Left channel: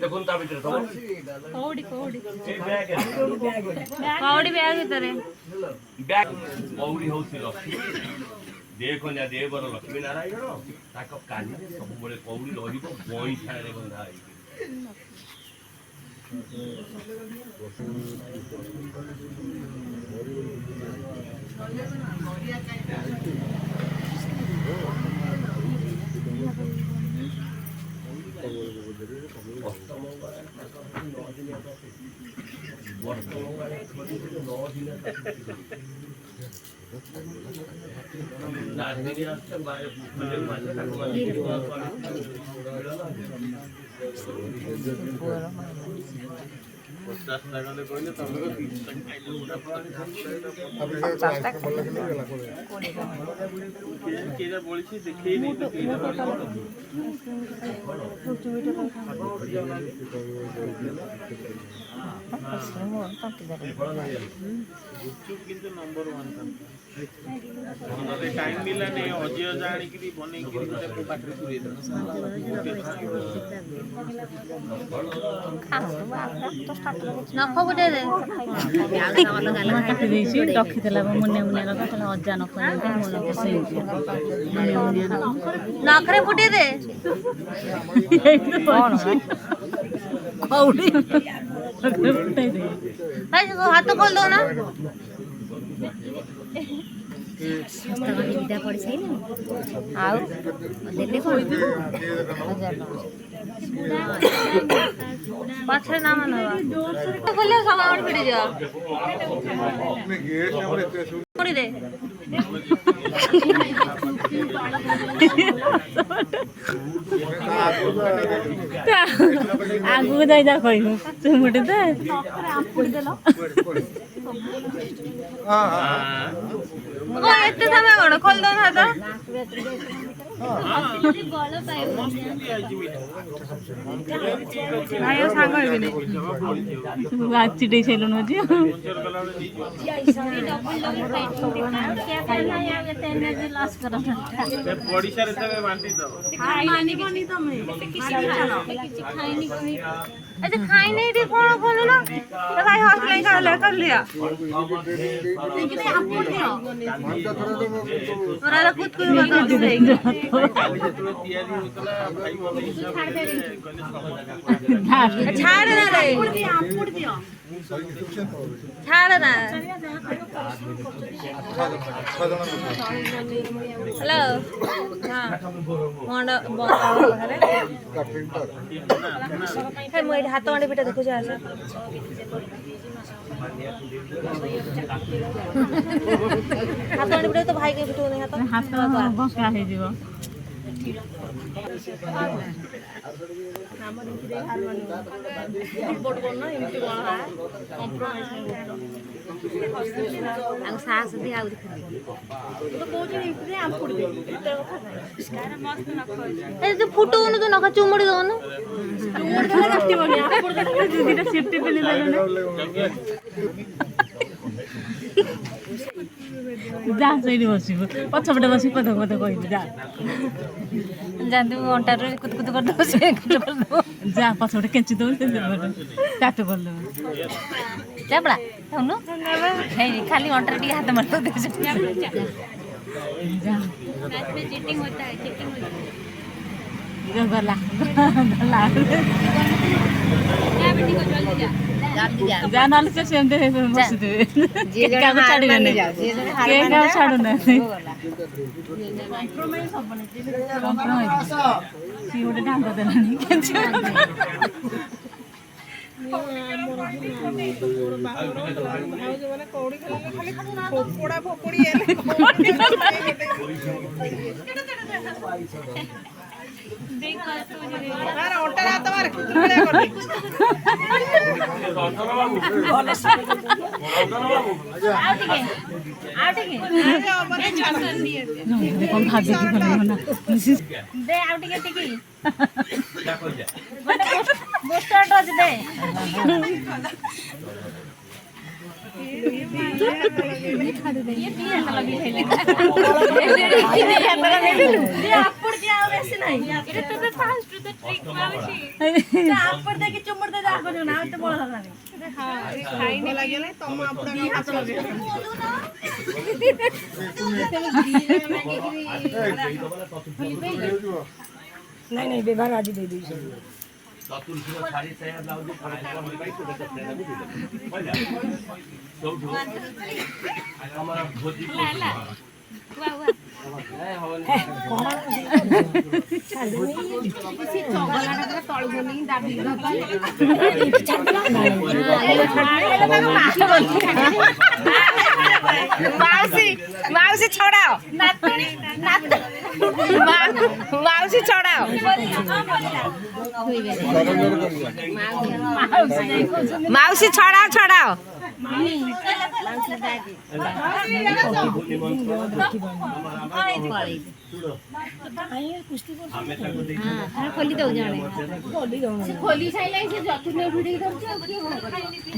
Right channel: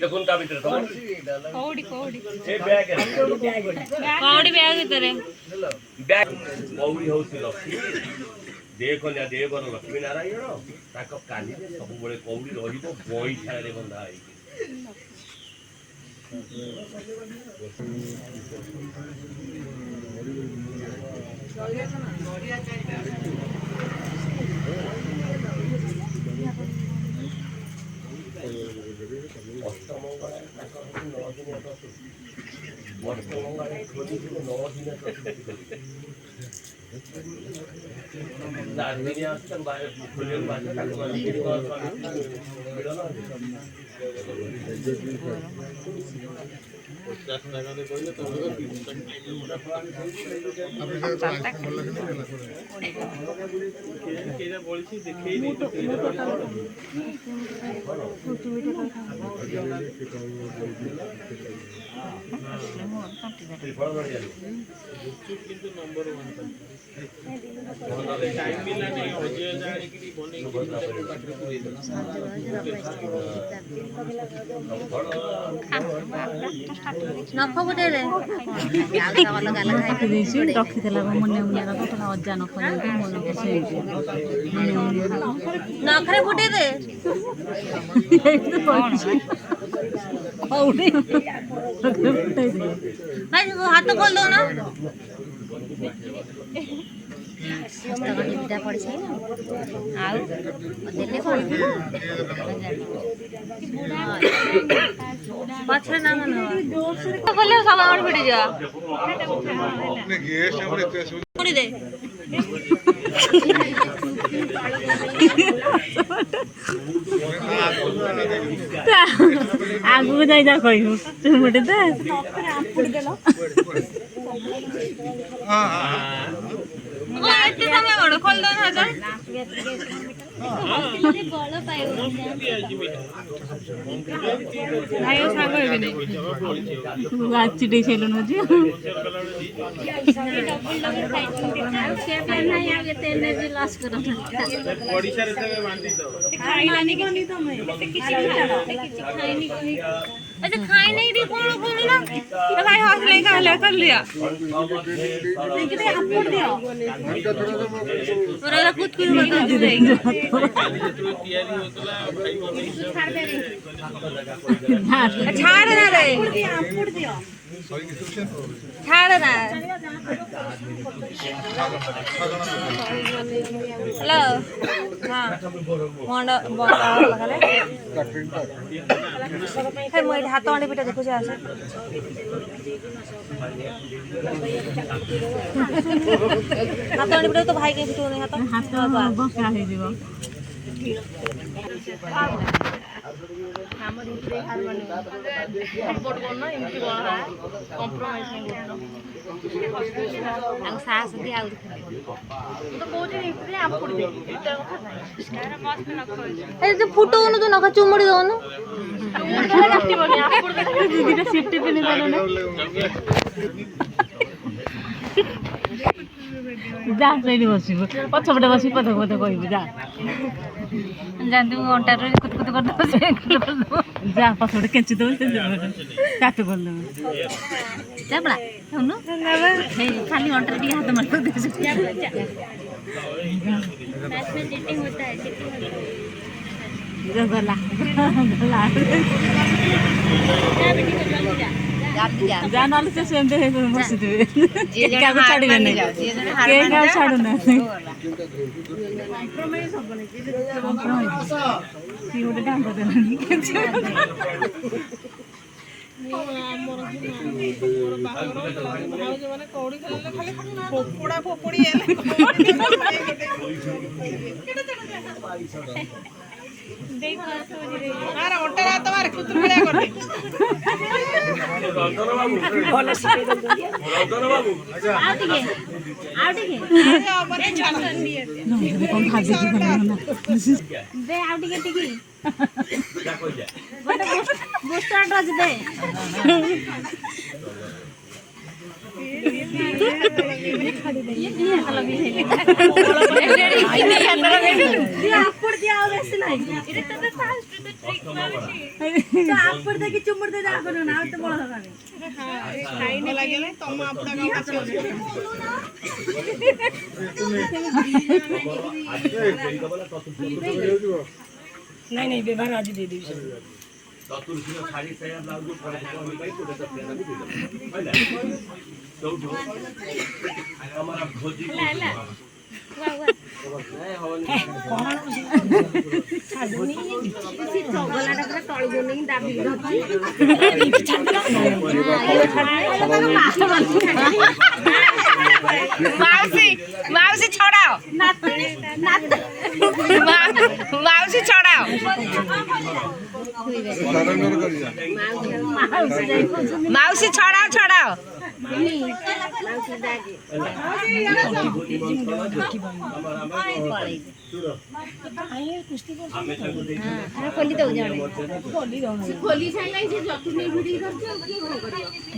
দেখুন তা ভিতরে কৌড়ি কৌড়ি এই ব্যাগ কৌড়ি ব্যাগ ভিতরে ব্যাগ কৌড়ি হଉଛି ଲକ୍ଷ୍ମୀ ଦେହ କନ୍ୟା ଦେହ ବର ଲକ୍ଷ୍ମୀ ନାରାୟଣ ତାଙ୍କ କାନିରେ ସବୁବେଳେ କୌଡ଼ି ରହିବ ବଇଁଠାରେ ବନ୍ଧା ହେଇକି। ଅଷ୍ଟମଙ୍ଗଳା ତାଙ୍କର 9 ଦିନ ଅଷ୍ଟମଙ୍ଗଳା ଖୋଲିଥିଲେ 9 ଦିନ दार्जिलिंग असतं बाहेर खुलेल बाजू टाकून नंबर 1 टाइम मिला नहीं हजियो जाने की बने की पाखरे पूरे नख गुटे रे काटी देसी रखिदेला मुनिया मुनिया रखा कहला अजा नख देके मन को सेमती मुनिया मुनिया नखरे फुटे दे कौड़ी फुटाई दे भाई हाथ खोल दो ना पछरे ना मन खोले सब आउट फिट जा छोड़ी दे आगु जाई जा कहू तू मोटे दे ओ एते समय कोन खोल दो ना तो भाई सांग हेबी नै आची दे छैलो न जी ओडिसा रे तबे मानती तो मानी कोनी तमे अच्छा खाई नहीं थी कौन बोलो ना तो भाई हौसले कर लिया लेकिन आप बोल दिया थोड़ा कुछ कुछ बता दो छाड़ ना रे छाड़ ना हेलो हाँ मोंडा बोला करे है मोइड हाथ वाले बेटा देखो जा से हाथ वाले बेटा तो भाई के फिटो नहीं हाथ बका हे जीव फुटो जो नखा चुमड़ी दो ना जा सही बसिबु पछपटे बसि पथ पथ कहबु जा जानते हो घंटा रे कुत कुत कर दो से जा पछपटे केंचि दो चाटू कर दो चापड़ा सुनो हे खाली घंटा टी हाथ मार दो मैच में चीटिंग होता है जा गला जा नाल से सेम दे बसि दे के का छाड़ी ने के का छाड़ू ना कंप्रोमाइज की उडे डांग दे कौन भाग देखी ना दे आउ टिके टिकी बूस्टर डोज दे ये दिया नहीं व्यवहार आज दे दी चतुर्थ साड़ी साया ब्लाउज पड़े कोन भाई कोटे तो फ्रेंड भी दे बुझला तो हमारा भोजी को माउसी छोड़ाओ माउसी छोड़ाओ माउसी छोड़ाओ छोड़ाओ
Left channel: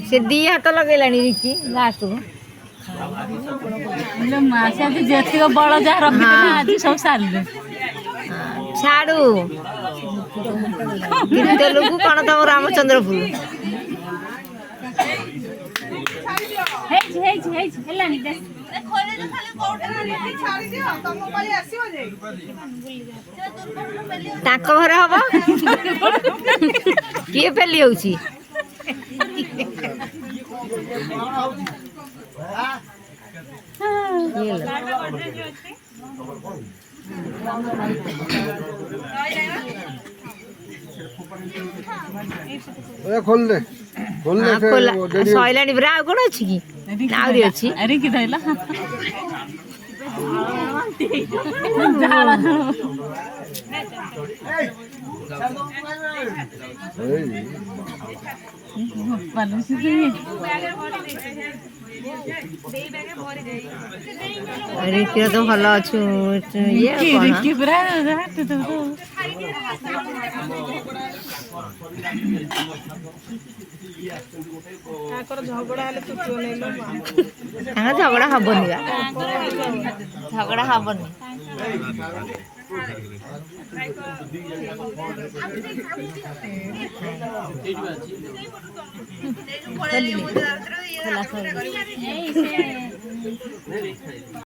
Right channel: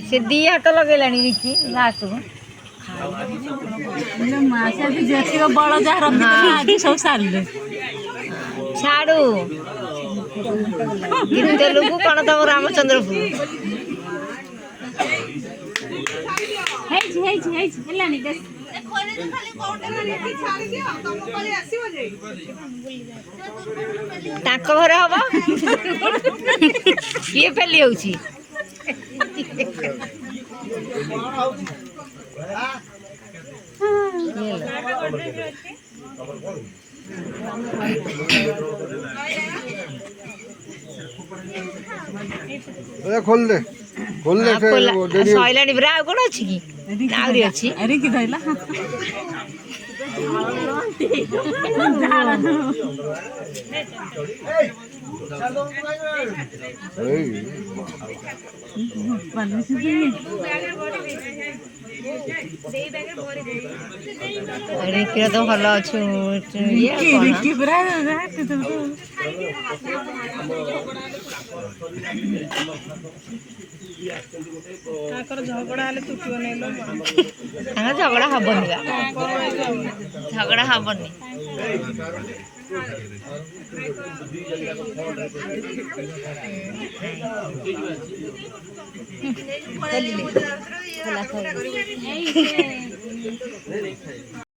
से दी हाथ लगेलानी देखी लास्ट को मासा जेतिक बड़ जहाँ रखिले आज सब सारे छाड़ू केते लोग कौन तम रामचंद्रपुर ताको घर हम किए पेली होउची खोल दे सैलानी पुरा आउ कौन अच्छी कि आउरी अच्छी अरे कि धैला रिकी तो भल अच्छु ये रिकी पुरा हाथ तो झगड़ा हबनी झगड़ा हबनी